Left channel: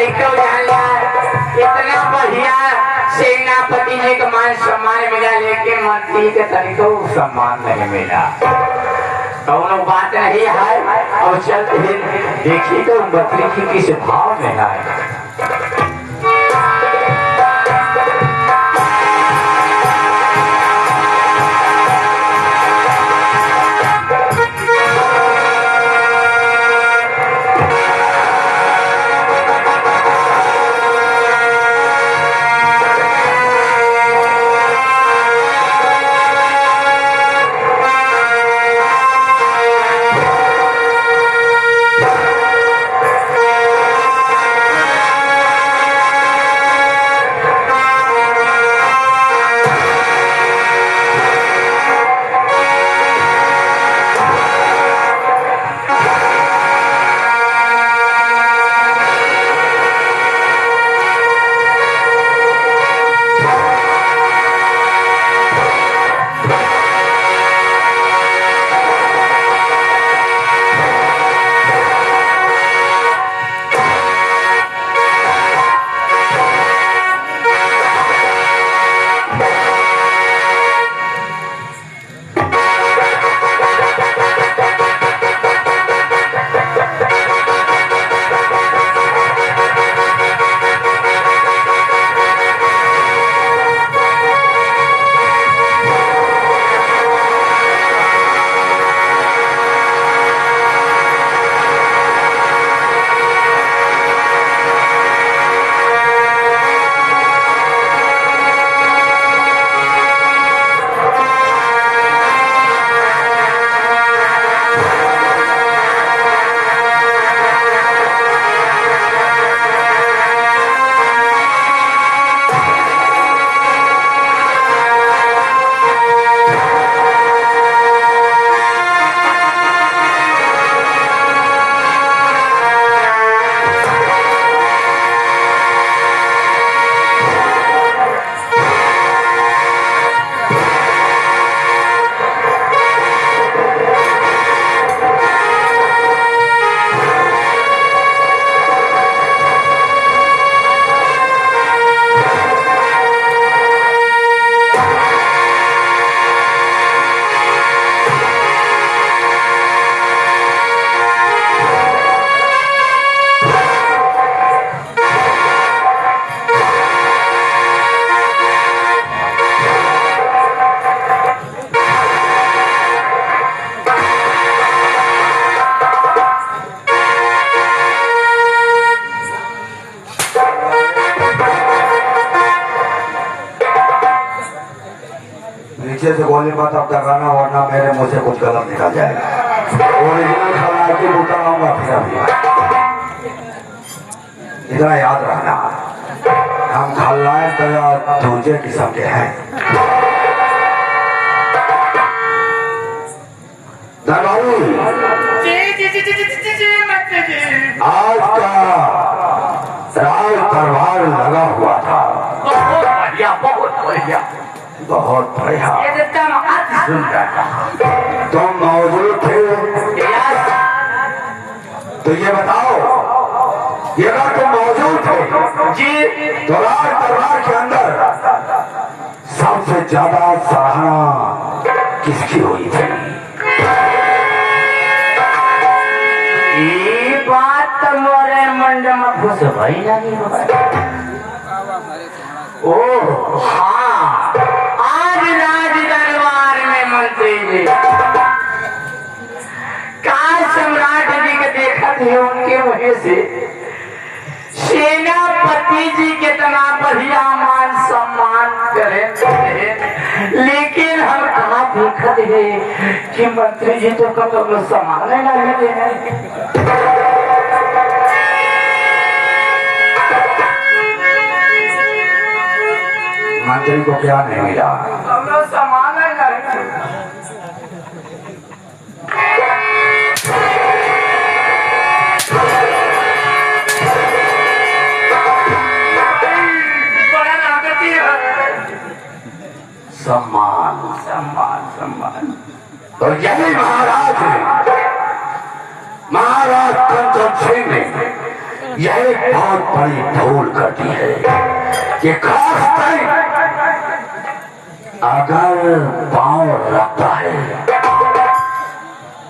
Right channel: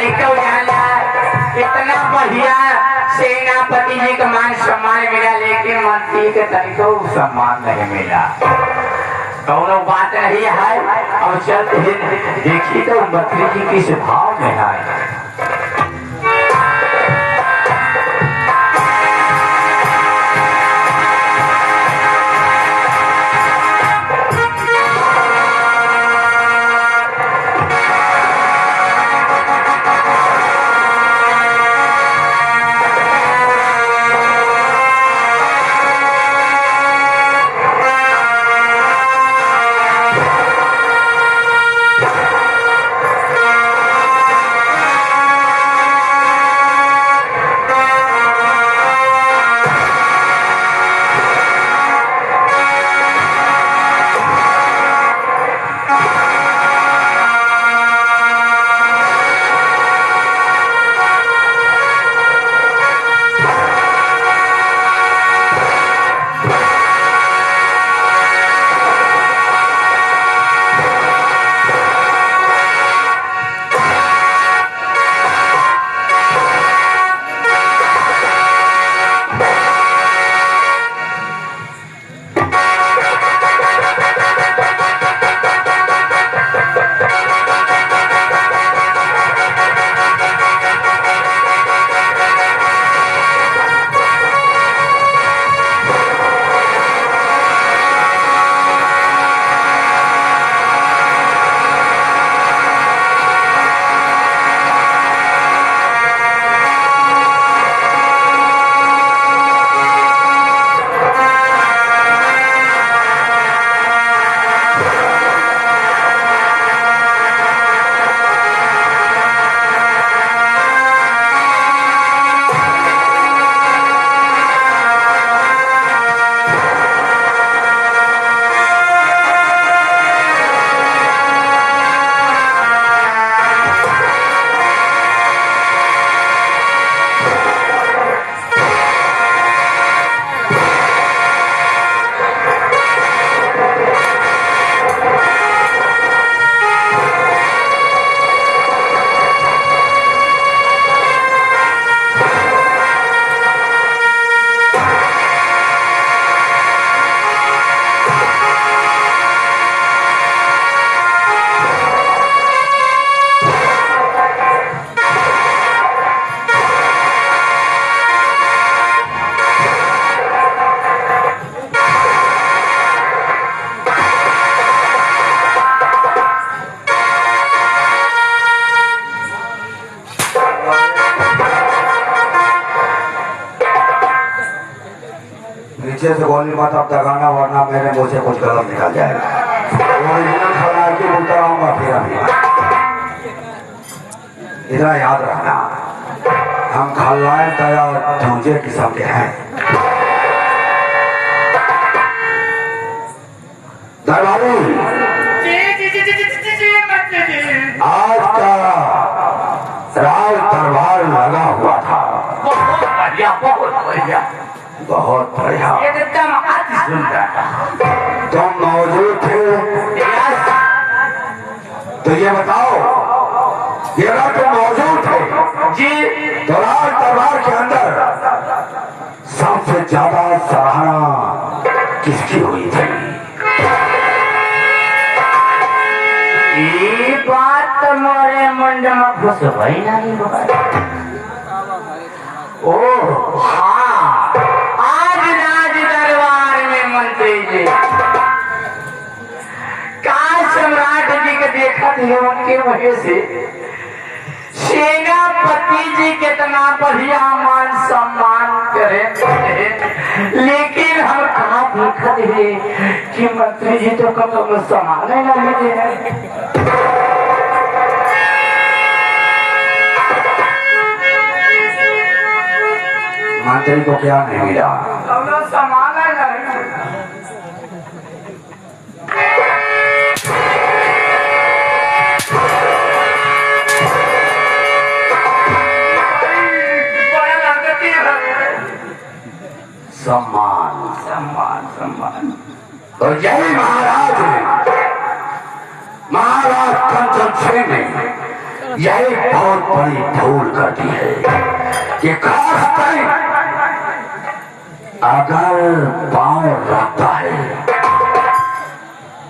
लड़का जाला इतना बढ़िया सेनापति जी का मान सम्मान मिला, लेकिन मंत्री के तरीको सम्मान नहीं मिला। दोनों बात नहीं है। अब चलते देखिए तो मंत्री जी किस भाव में आए। नीचे से गोली मत अब दगाना, वरना मेरे मुंह से कुछ गलत निकल जाएगा। ओरिजिनल खलनायक की बूटा लाऊंगा फिर अभी। इतना याद रखना, हम खलनायक दया दूसरे किस्म के हैं। आज का राज दरबार लगा हुआ था। बहुत बढ़िया, बहुत बढ़िया, बहुत बढ़िया। तुम तुम मौजूद थे तो ये बताओ, ये अगर तुम मौजूद थे जी तो राज दरबार के अंदर सबसे ज्यादा सराहना किसकी हुई थी? ये बात तो मोरे मुंड में खुश भई नहीं। ओ हाँ, आज राज दरबार में मंत्री जी काल सम्राट जी के देखत है, उनके मुँह से सेनापति जी कितना बढ़िया मान सम्मान करें, लेकिन हम कहाँ देखत है कि मंत्री जी तो कभी सम्मान नहीं देते हैं। मंत्री को क्या नहीं मिला? सम्मान नहीं। सम्मान सम्मान सम्मान तो यही महाराज ने, महाराज कंचन सिंह ने यह बहुत बड़ी भूल करती है कि खास टाइम अगर पांव रखता है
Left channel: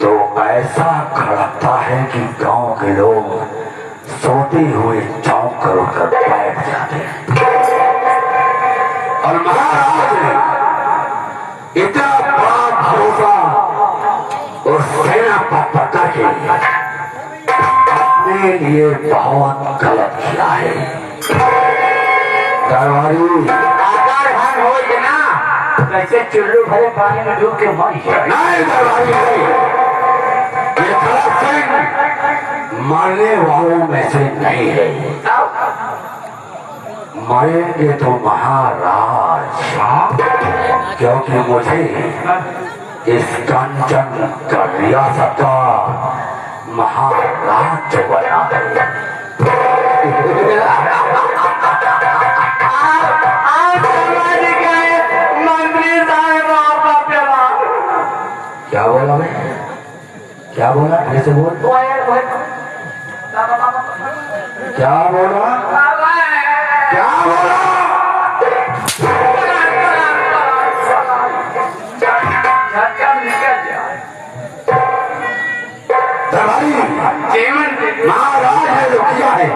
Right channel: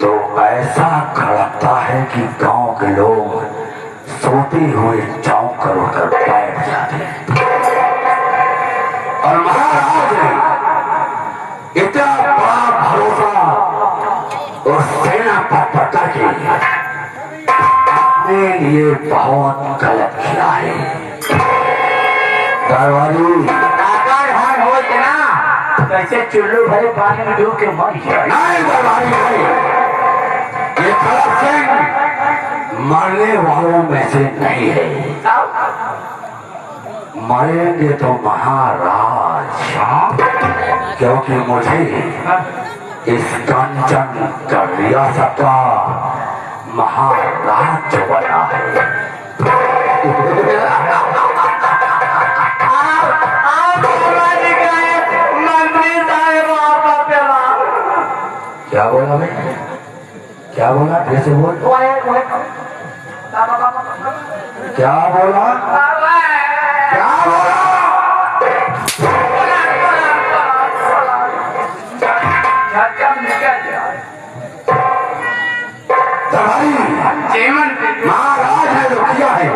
तो ऐसा खड़कता है कि गांव के लोग सोते हुए चौंक कर उठकर बैठ जाते हैं। और महाराज ने इतना बड़ा भरोसा उस सेना पर पता के अपने लिए बहुत गलत किया है। दरबारी अगर हम हो ना कैसे चुल्लू भरे पानी में डूब के मर जाए। नहीं दरबारी नहीं, ये गलत सिंह मरने वालों में से नहीं है। मरेंगे तो महाराज, क्योंकि मुझे इस कंचन का रियासत का महाराज बना है। मंत्री साहब क्या बोला भाई, क्या बोला, कैसे बोल, क्या बोला, क्या बोला? महाराज ने जो किया है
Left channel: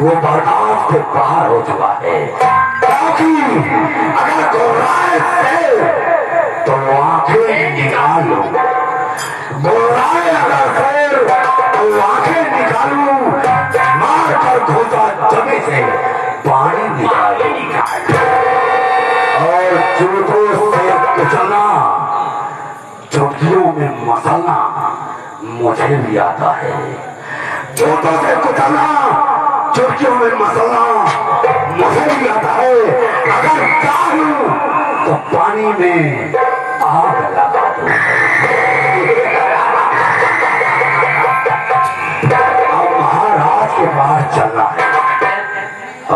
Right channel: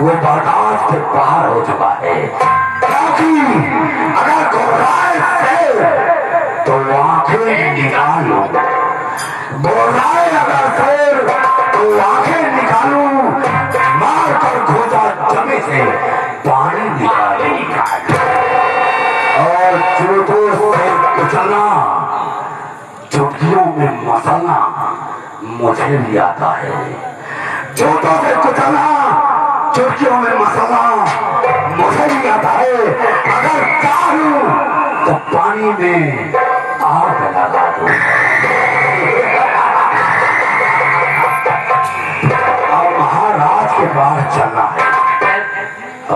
वो बर्दाश्त के बाहर हो चुका है। क्योंकि अगर घोड़ाए से तो आंखें निकालू, घोड़ाए अगर शेर तो आंखें निकालू, मार कर खोजा जमी से पानी निकालू, और जूतों से कुचलना, चुटकियों में मसलना मुझे भी आता है। जूतों से कुचलना, चुटकियों में मसलना मुझे भी आता है। अगर चाहूं तो पानी में आग लगा दूं। अब महाराज के पास चलना है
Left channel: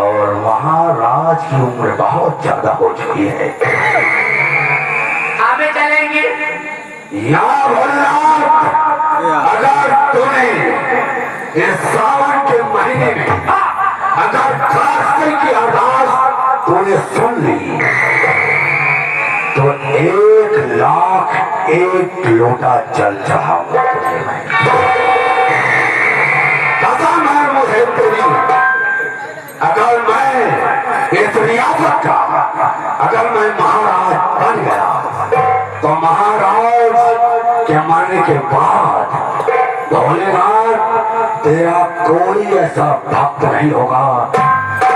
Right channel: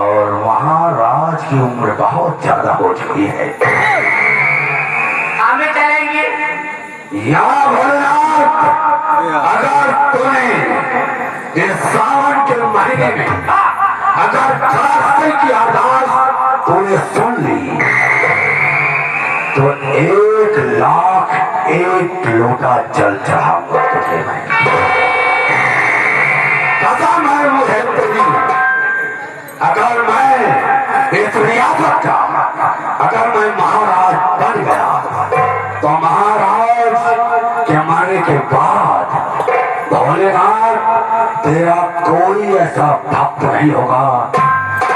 और महाराज की उम्र बहुत ज्यादा हो चुकी है। हमें चलेंगे या भोलेनाथ, अगर तूने इस सावन के महीने में अगर खासते की अरदास तूने सुन ली तो 1,00,000 लोटा जल चढ़ाऊंगा तुझे मैं। कसम है मुझे तेरी, अगर मैं इस रियासत का अगर मैं महाराज बन गया तो महाराज के मरने के बाद भोलेनाथ तेरा कोई ऐसा भक्त नहीं होगा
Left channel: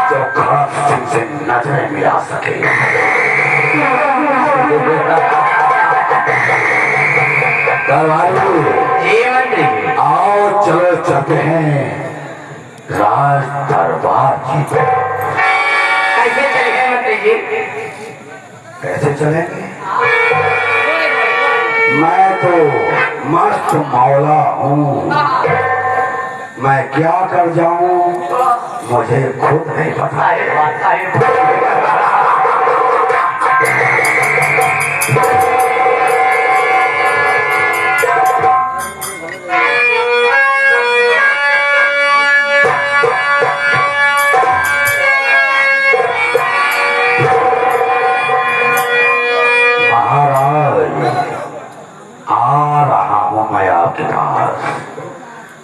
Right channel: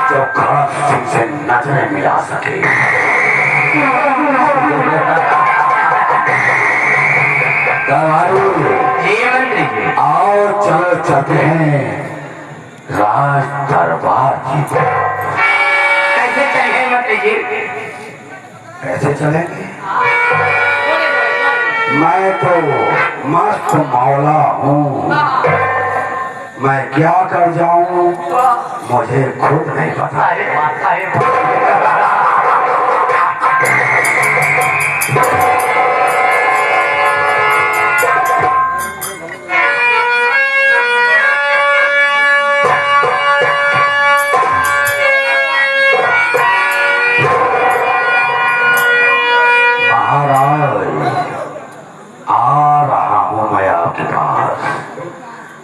जो खड़क सिंह से नजरें मिला सके। आओ चलो चलते हैं राज दरबार जी को। कैसे चलेंगे मंत्री जी? कैसे चलेंगे? मैं तो मस्त मौला हूँ, मैं क्या कर जाऊं मुझे खुद नहीं पता है।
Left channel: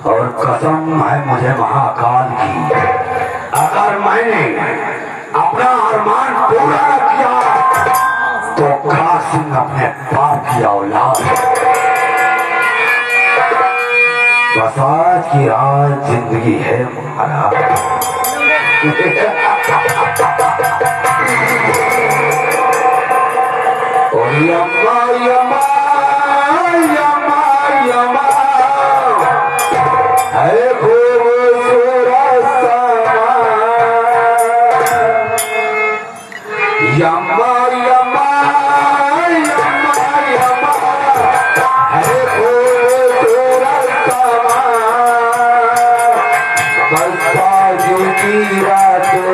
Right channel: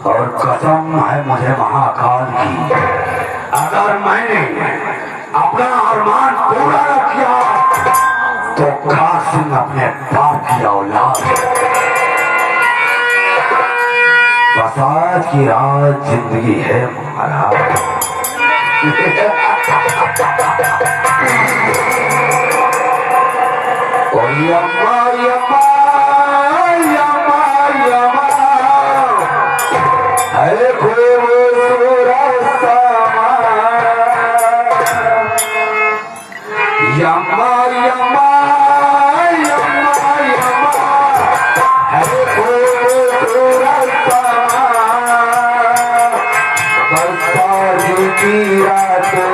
और कसम है मुझे महाकाल की, अगर मैंने अपना अरमान पूरा न किया तो खास सिंह अपने बाप की औलाद। बस आज की रात जिंदगी है महाराज। और यम्मा यम्मा यम्मा यम्मा है खूबसूरत समा, यम्मा यम्मा यम्मा यम्मा है खूबसूरत समा। बरसात की रात है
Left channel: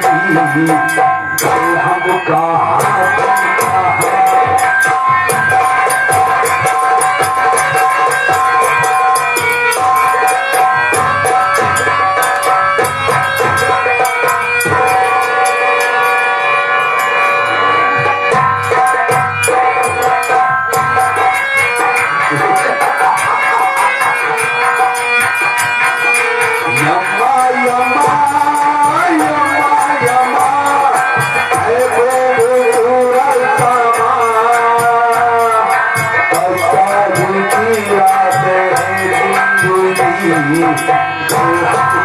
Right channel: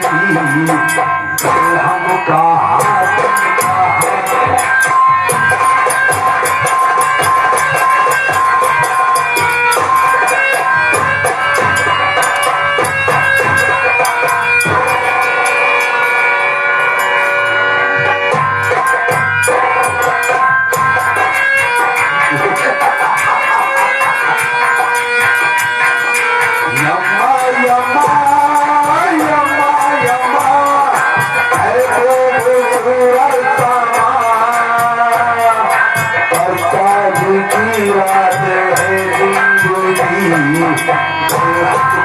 जिंदगी, कल हम कहाँ बल्ला